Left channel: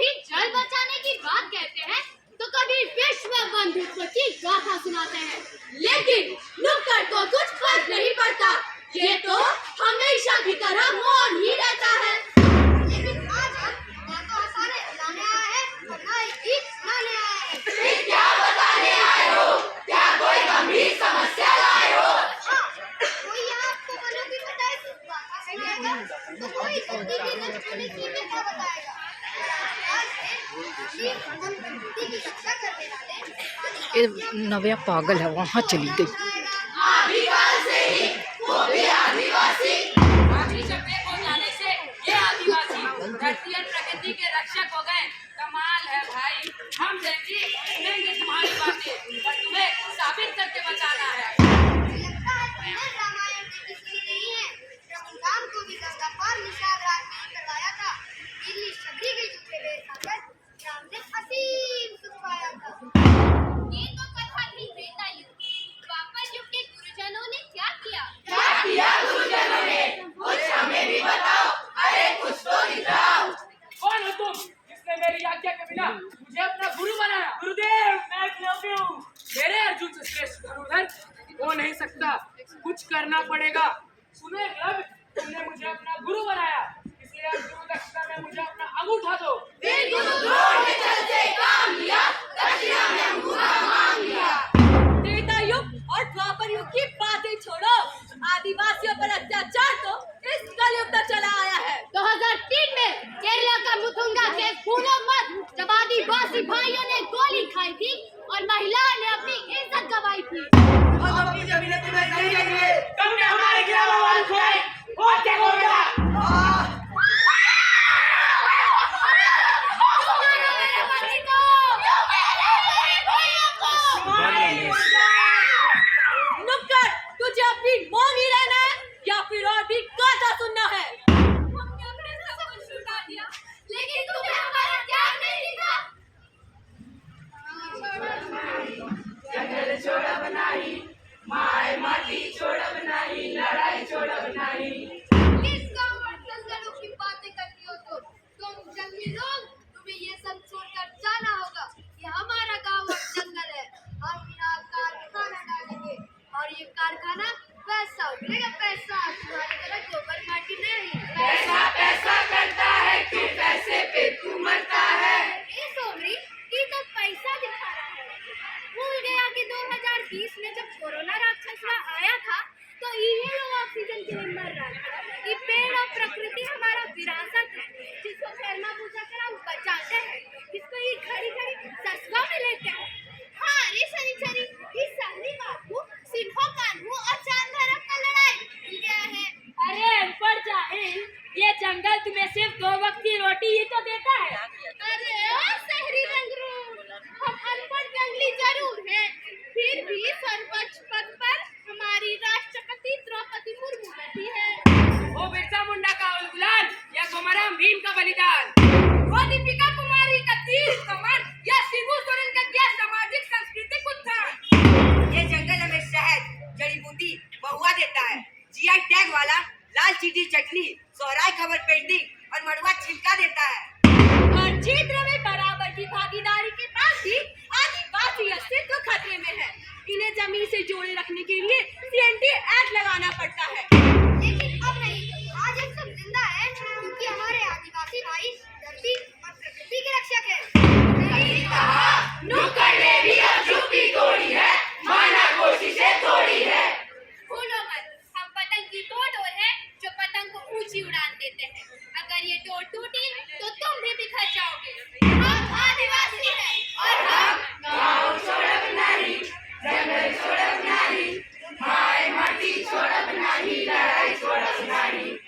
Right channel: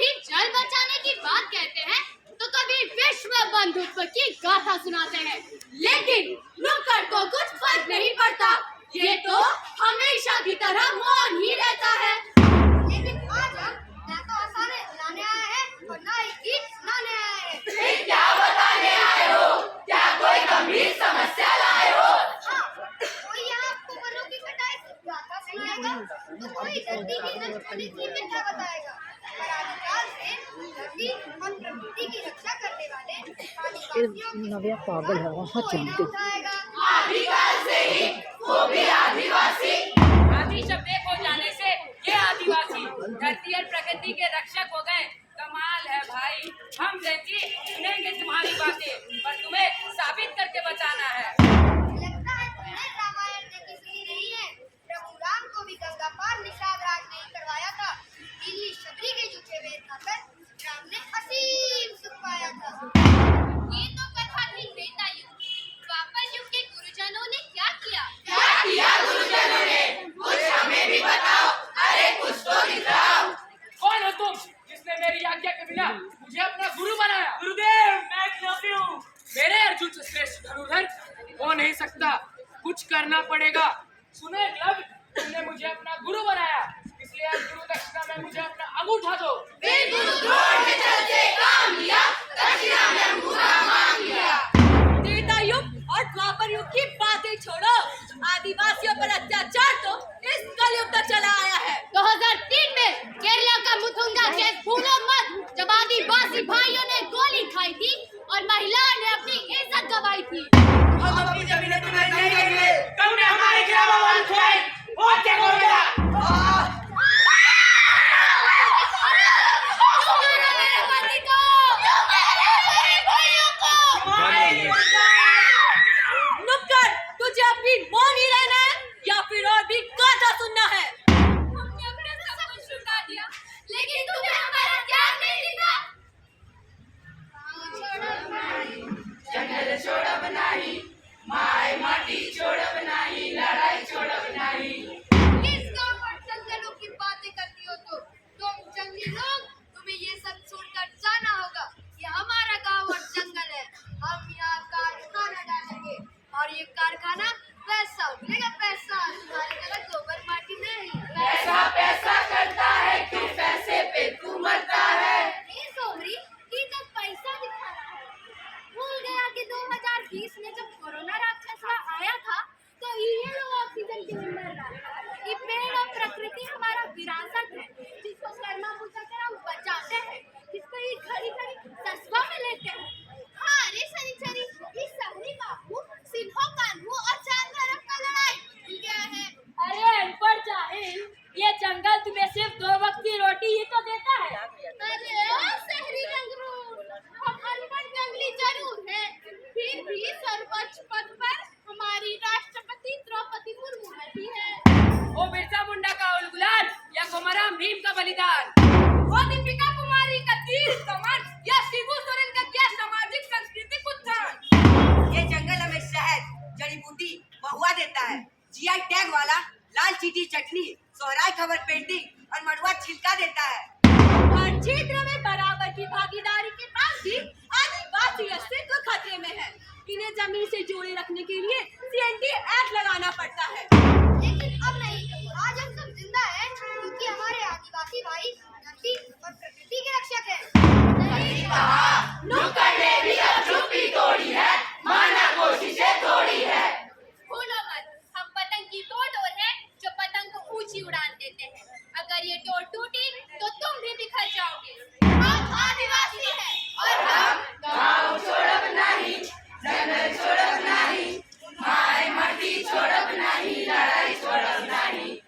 कभी जल बचाने की बात कहते हैं तो कभी विश्व बंधुत्व की गाथा सुनाते हैं, लेकिन नुक्कड़ को कुछ फर्क नहीं पड़ता, ये तो हमेशा की तरह मौन ही रहता है। लेकिन आज ना तो हंसाने लाने आया है और ना ही गीत सुनाने आया है। फिर क्या बताने आए हो? क्या कोई गंभीर समस्या लाए हो? हाँ, कोई यहाँ आपको वनों की कटाई की गाथा सुनाएगा तो कोई धरती की नष्ट होने की कथा बताएगा। प्रकृति की रक्षा करने वाले नव्या पागल है, वहाँ चली गई। आदिकाल से ही वो भी आदिवासी। आदि शब्द हो जाने से ये आदिवासी धरती और प्रकृति के रक्षक हो गए। कमाल है भाई, हम जैसी सुनेंगे तुम्हारी बातें पर तुम्हें साबित करके बताना है। लगता है तुमने रामायण देखी सुनी नहीं है। प्रभु राम को भी गंगा पार निषाद राज ने करवाया था। दिल्ली शबरी के झूठे बेर खाकर राम ने असीम सुख पाया था। ये तो कथा थी त्रेता युग। द्वापर युग के गुरुजनों ने क्या किया? क्या किया गुरुजनों ने? कुछ हमें भी बताओ। अरे कुछ तो दिखाओ। कौन हो तुम जिसने मेरी आज्ञा के बिना मुझे अपना गुरु बनाया? गुरुदेव, मैं एकलव्य हूँ। मेरे अर्जुन से श्रेष्ठ धनुर्धर हो नहीं सकता, कुछ करना पड़ेगा। सुनो एकलव्य, तुमने मुझे अपना गुरु बनाया, इसलिए आज गुरु दक्षिणा में मुझे अपना अंगूठा दो। फिर गुरु द्रोण ने चलते काम लिया, दक्षिणा में अंगूठा मांग लिया। त्रेता युग और द्वापर युग की बातें छोड़ो, आदिवासियों पर अत्याचार तो इस कलयुग तक चला आया है। 2003 में केरला का मुथुंगा केस भूलो मत, जब आदिवासी भाइयों ने गोली खाई थी और महिलाओं ने अपनी इज्जत गंवाई थी। हम अपनी जमीनें तुम्हें नहीं देंगे। तुमने हमारे ग्रामवासी खुआए, और क्या करोगे? नुक्कड़, तुझे अपनी मौन ही रहना है या फिर और भी गाथा सुनना है? हमने अपने सब कुछ लुटा दिया, लेकिन तुम्हें हमारा त्याग नहीं दिखा। जंगल छोड़ब नाही, माय माटी छोड़ब नाही, लड़ाई छोड़ब नाही। किस गांव और जंगलों की बातें करती हो तुम जंगली लोग? तुम्हें ये सब छोड़कर जाना होगा। ये हमारा गांव और जंगल है। हम यहाँ कारखाना डालेंगे और ये कारखाना पैसा उगलेगा, पैसा। तुम्हारी तरह गोबर माटी नहीं। पैसा पैसा करता है, क्यों पैसे पे तू मरता है? ए सोमरी, ये तो पैसा दिखा रहा है। भूल गया कि 2020 में जब कोरोना राक्षस आया था तो ये लोग ऑक्सीजन के लिए मर रहा था। ये पेड़ और प्रकृति हमारा विरासत है, जिसको कर्मा पूजा कर हम बचाते हैं, जिसको ये घड़ी घड़ी ससुआ में लेते हैं। हाँ रे शनिचरी, ये शहरी बाबू सिन्हो कान्हू और चांद धर्म का लड़ाई भूल गया है। अरे अनपढ़ जाहिल, ये जंगल तुम्हें सिर्फ 2 वक्त की रोटी ही तो देता है। अरे ओ शहरी रंगरूट, हम अनपढ़ जंगली जरूर हैं, फिर भी सर्वोच्च पद पर हमारी राष्ट्रपति द्रौपदी मुर्मू बैठी है। ओ बिरसा मुंडा का उलगुलान या कोमराम भीम का बलिदान, ओ दीपिका कुमारी का तीर कमान या शिबू सोरेन का क्या सामाजिक सांस्कृतिक उत्थान। ये जंगल हमें शहद, जड़ी बूटी, महुआ देता है। जीआई टैग वाला लाल चीटी चटनी, सोहराय खबर पेंटिंग और मड़ुआ छिलका देता है। हर क्षेत्र में बराबर की भागीदारी के पास भी आदिवासी अस्तित्व खतरे में है। इन्हें जमीन से जोड़े रखने के लिए CNT एक्ट लगाना पड़ता है। लेकिन अब नहीं, आज हम सब जिंदा हैं क्योंकि हमारे आदिवासी भाई धरती और प्रकृति के रक्षक हैं। सही कहा, नुक्कड़ ने भी अब चुप्पी तोड़ी है, माना कोशिशें थोड़ी है। भूलो मत, हम पतंग की वो डोर है जो पतंग को ऊंची उड़ान देते हैं। अगर ये डोर टूटी तो तुम भी बिखर जाओगे। हम आदिवासी हैं और हम गाँव छोड़ब नाही, जंगल छोड़ब नाही, माय माटी छोड़ब नाही, लड़ाई छोड़ब नाही।